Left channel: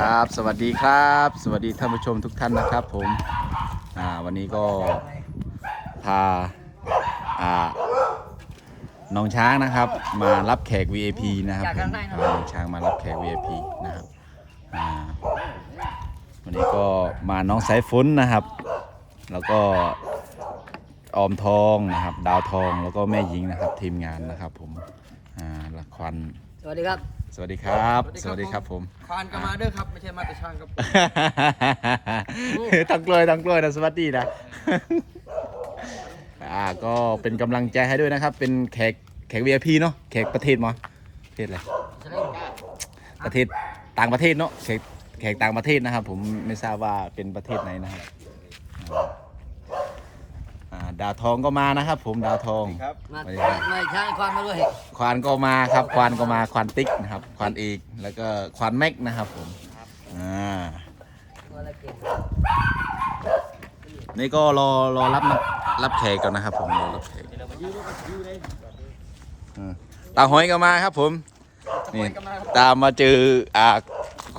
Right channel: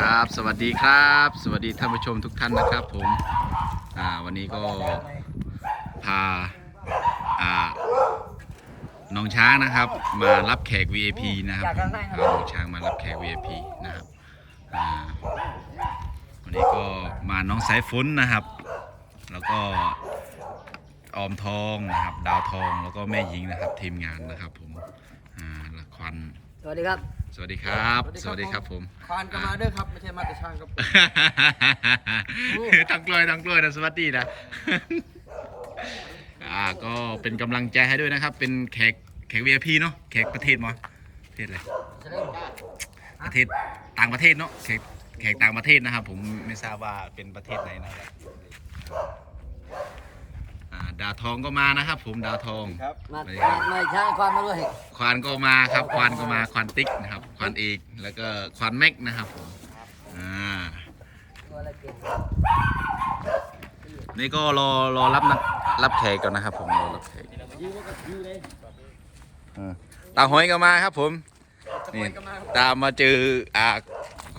ครับ สวัสดีครับ สวัสดีท่านผู้ชมทุกท่านนะครับ ผมอ่าวันนี้ก็พาอ่าน้องช้างนะครับ มารับแขก VIP นะครับผมพาน้องช้างมารับแขก VIP นะครับอ่าวันนี้ก็มาน้องสายฝนนะครับ แล้วก็ออมทองนะครับ ดาวทองแล้วก็แม่หญิงนะครับ ทีมงานนะครับ ผมอ่าละควัน สวัสดีครับ สวัสดีครับ สวัสดีครับผมควานก็มาเด้อครับ ไม่ใช่มาแต่ช่างครับทั้งกล้วยทั้งกล้วยนะสวัสดีนะอ่าก็เป็นกำลังใจให้ด้วยนะครับ เป็นแขกแขก VIP เนาะแขกประเทศมั้ประเทศอะไรประเทศต่างประเทศเนาะแขกแขกต่างประเทศนะครับ ผมไม่ทราบว่าเป็นประเทศไหนนะครับ อ่าดาวทองก็มานะครับ ผมดาวทอง ครับมาสวัสดีครับ ไม่ใช่ความมาด้วยควานก็มาครับ ควานก็มาควานติ๊กนะครับ ควานเอกแล้วก็ควานแม็กนะครับผมอ่าตัวละเก่งนี่ก็รอรอรับนะรับแขกก่อนนะครับ ผมรอรับแขกอืมตาหอยก็มาครับ ผมนี่ตามมาเจออ่า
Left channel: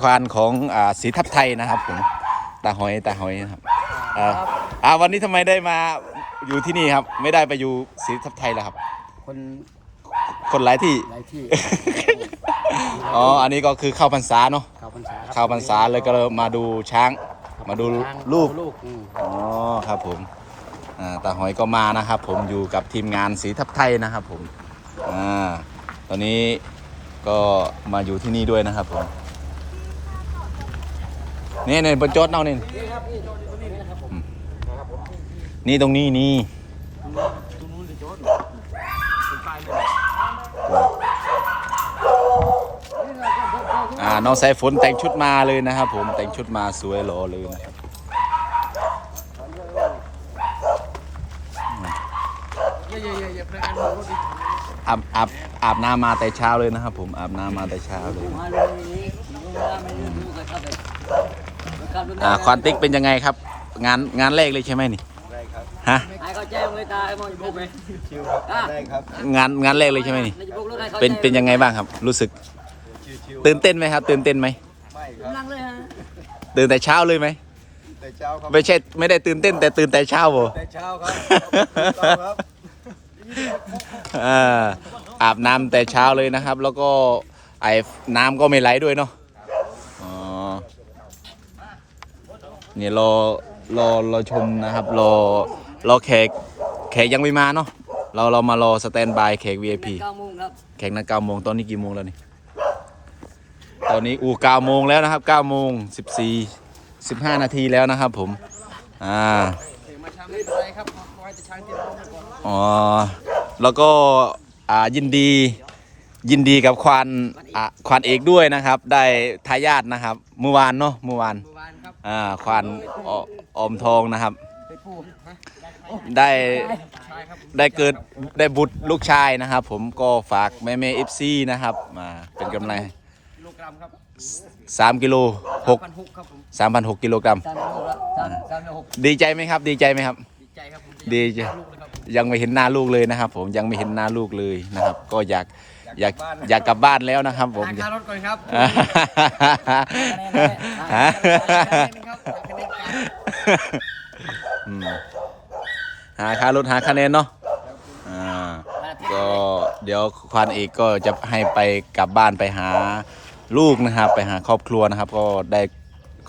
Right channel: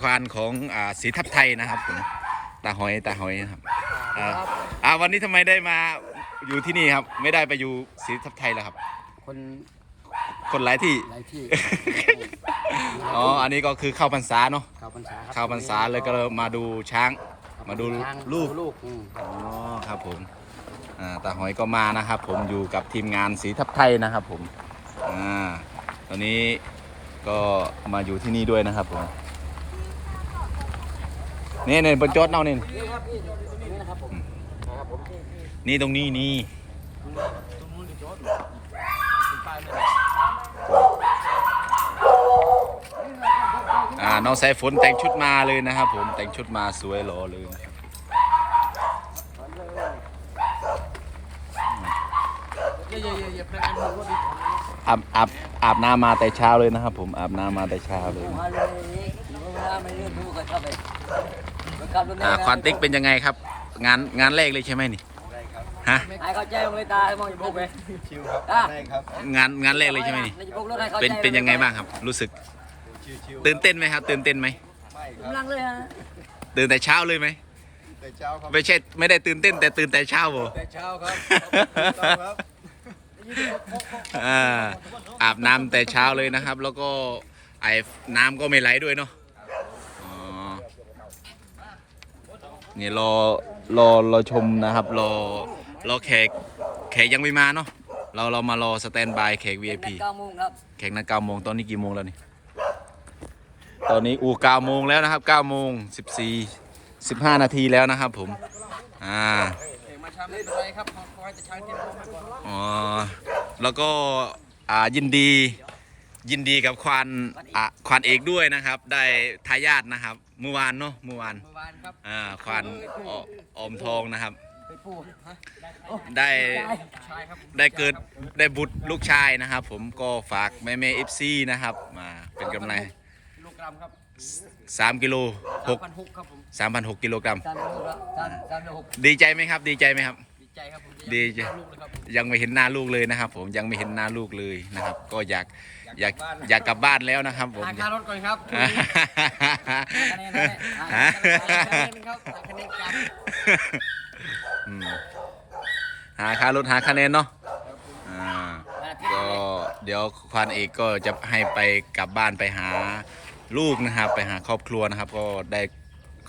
ควานของอ่าสีทับไทยนะครับ ผมตาหอยตาหอยนะครับอ่าอ่าวันนี้ทำไมได้มา อยู่ที่นี่ครับ ไม่ได้ไปอยู่สีทับไทยแล้วครับ คนคนหลายที่ หลายที่ อ๋อ อันนี้ก็คือเข้าพรรษาเนาะ เข้าพรรษาครับเข้าพรรษาเลยก็เลยมาดูช้างมาดูช้งลูก ลูกอืมอ๋อ ครับผม อ่า ตาหอยก็มานะครับผม อยู่กับทีมงานสีทับไทยนะครับผม อ่า ตอนนี้ก็มาอยู่ที่นี่ด้วยนะครับผม นี่เนี่ยบนจอดเนาะนี่ นี่ครับนี่ตรงนี้นะครับผม นี่ตรงนี้นี่ตรงนู้นดิโจ๊ดเป็นป้ายไม่ได้อ่าน้องสายฝนแต่งชุดมาเลยนะครับ ผมแต่งชุดมาสวยหล่อเลยนะครับเย่เย่เย่เย่พนักงานโบกรถดิอาบอาบอาบน้ำมาแต่เช้าเลยนะครับ ผมอาบน้ำมาแต่เช้าเลยมาเลยอีกดูเวลาไม่รู้ดูกันครับเลยครับดูอ่าควานติ๊กเป็นยังไงครับ งานงานแรกเลยใช่ไหมนี่ ได้ครับฮะไอ้เขาแจ้งเลยตายมองดูไปชิวครับได้ครับงานงานแรกเลยใช่ไหมนี่ไม่จะปลุกรถให้ขาเป็นเป็นยังไงบ้างครับ รู้สึกชิวชิวตื่นเต้นไหมครับตื่นเต้นไหมไม่ครับนั่งเลยฮะตื่นแต่เช้าเลยไหมแต่เช้าครับไม่ใช่ไม่ได้ตื่นเต้นแต่ตื่นแต่เช้าบ่แต่เช้าครับถูกต้องครับอ่าอาบน้ำแต่เช้าเลยนะครับ แล้วก็ไอ้น้ำก็ไม่ไหลด้วยเนาะอ๋อ นี่รอรอรอชมนะครับ รอรอแขกแขกยังไม่มาเนาะเราเรามารอสแตนบายแขก VIP เก้าโมงครับแข่งนัดเก้าโมงตอนนี้กี่โมงแล้วนี่ตอนนี้อูเก้าโมงแล้วนะครับเก้าโมงสิบสี่สิบห้านาทีแล้วนะครับผมอ่าเอกมาช้าไม่เป็นไรครับขอให้แต่ช้างเตรียมพร้อมไว้ก่อนอ๋อแล้วก็อ่ายินดี ยินดีกับควานอ่าควานเอกด้วยนะครับ ได้ทายาทนะครับ เมื่อวานเนาะเมื่อวานเมื่อวานครับอ่าควานออมทองนะครับ ไปพูดฮะได้ชายครับได้เกิดได้บุตรลูกชายนะครับ ผมก็ฝากแม่แม่เอฟซีนะครับมาเป็นกำลังลูกกรัมครับสามกิโลหกพันหกครับผมสามพันหกกิโลกรัมสามลูกละสามสามลูกหกดีใจไหมครับ ดีใจไหมครับ ดีใจครับผมดีใจ ลูกเลยครับ ยังไม่เห็นหน้าลูกเลยนะครับ ผมยังไม่เห็นหน้าลูกเลยนะครับ ก็อยาก อยากอยากกลับบ้านแล้วนะครับผมหาค่ารถก่อนครับอ่าฮะหาคะแนนครับหาคะแนนกันอืมหาค่ารถหาคะแนนเนาะอ่าก็เดี๋ยวควานเอกก็จะให้ไปกลับบ้านไปหาลูกนะครับ ไปหาครอบครัวนะครับ ก็ได้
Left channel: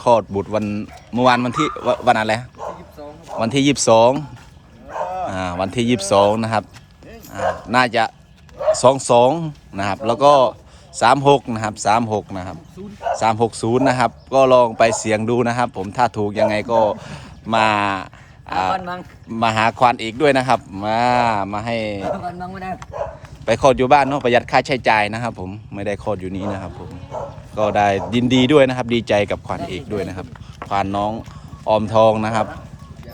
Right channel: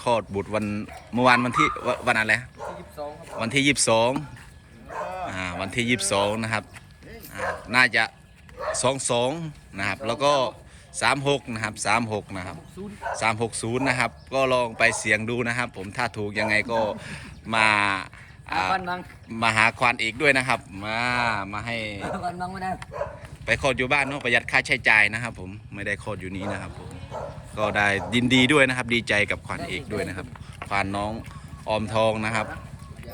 คลอดบุตรวันเมื่อวานวันที่วันวันอะไรที่ยี่สิบสองครับวันที่ยี่สิบสองอ่าวันที่ยี่สิบสองนะครับอ่าน่าจะ สองสองนะครับ แล้วก็สามหกนะครับสามหกนะครับศูนย์สามหกศูนย์นะครับ ก็ลองไปเสียงดูนะครับ ผมถ้าถูกยังไงก็มาอาอ่าวันมังมาหาควานเอกด้วยนะครับ มามาให้วันมังไม่ได้ไปคลอดอยู่บ้านเนาะประหยัดค่าใช้จ่ายนะครับ ผมไม่ได้คลอดอยู่นี้นะครับผมก็ได้ยินดีด้วยนะครับ ดีใจกับควานเอกด้วยนะครับ ควานน้องออมทองนะครับ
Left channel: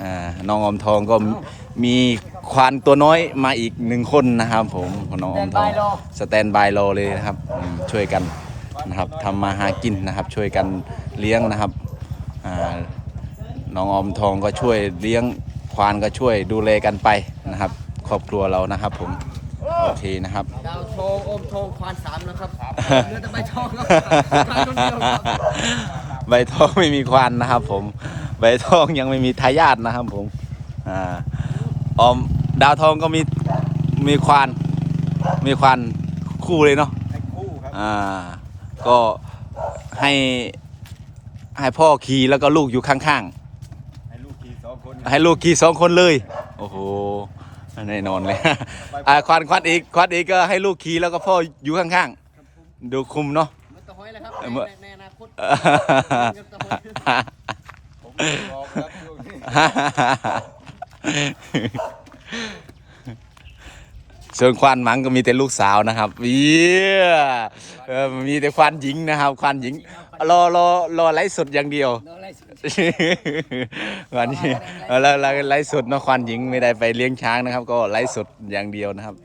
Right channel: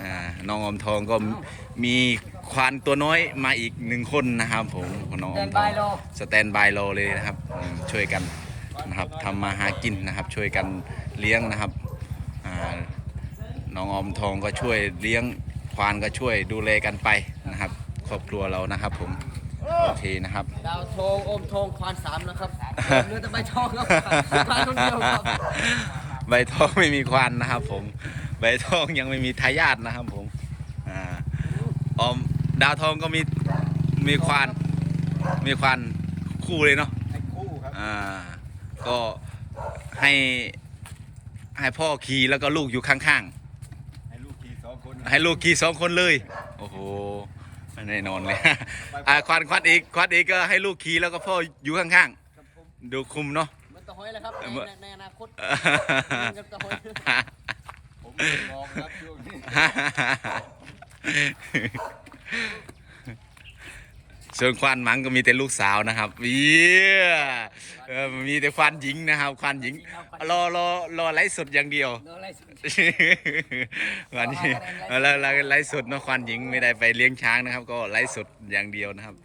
อ่าน้องออมทองก็มี ควานตัวน้อยมาอีกหนึ่งคนนะครับ ผมของน้องอเดิอมนทไปองรอสแตนบายรอเลยนะครับอืมช่วยกันนะครับทำมาหากินนะครับ ช่วยกันเลี้ยงนะครับอ่าน้องออมทองก็ช่วยเลี้ยงควานก็ช่วยดูแลกันไปนะครับ ครอบครัวเรานะครับ ผมโอเคนะครับดาวทองอมทองควานสามนะครับเรือแต่ใบทองครับควานคนเดียวครับใบทองไม่มีควันนะครับ ผมใบทองยังไม่มีทายาทนะครับ ผมอ่าออม ดาวทองก็มีมีควาน มีควานคู่เลยเนาะไอ้คู่ครับอ่า ก็ให้ให้พ่อขี่แล้วก็ลูกอยู่ข้างให้ลูกขี่สองคนๆ ให้ลูกขี่สองคนเลย โอ้โหแน่นอนเลย อ่าควานควานอีกควานอีกก็ให้ลูกขี่แล้วก็พ่ออยู่ข้างครับผมๆ ดูคุมเนาะ เหมันตะหอยแล้วครับเออเมื่อในในอนาคตกับตะหอยผมบอกครับช่วงนี้ ส่วนควานหมังก็มีแต่ลูกสาวนะครับเยี่ยเออมีแต่ควานหญิงนะครับ ควานหญิง รอรอรอไลฟ์สดอย่างเดียวโดนอะไรสุดวันนี้แล้วแล้วไลฟ์สดเนอะควานหญิงไม่ได้ไปเลี้ยงช้างนะครับ ก็ไลฟ์สดอย่างเดียวนะครับ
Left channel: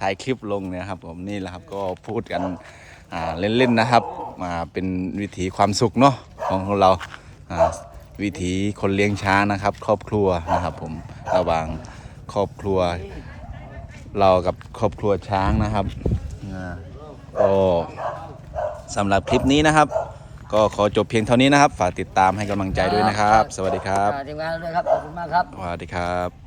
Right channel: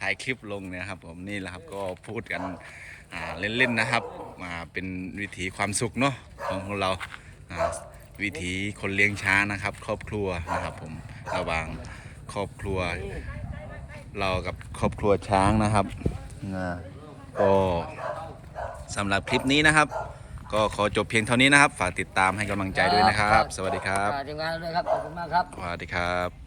ถ่ายคลิปลงเนี่ยครับ ผมนี่แหละครับก็พูดกันอ่าเล่นๆนะครับมาเป็นวิถีความสุขเนาะของเราอ่าวิถีคนเลี้ยงช้างนะครับ ครอบครัวนะครับ ผมระหว่างครอบครัว เรากับครอบครัวช้างนะครับอ่าก็สำหรับคลิปนี้นะครับ ก็ขอจบเพียงเท่านี้นะครับ ฝากติดตามให้กำลังใจด้วยนะครับ สวัสดีครับอ่าทีมงานด้วยครับขอบคุณมากครับสวัสดีครับ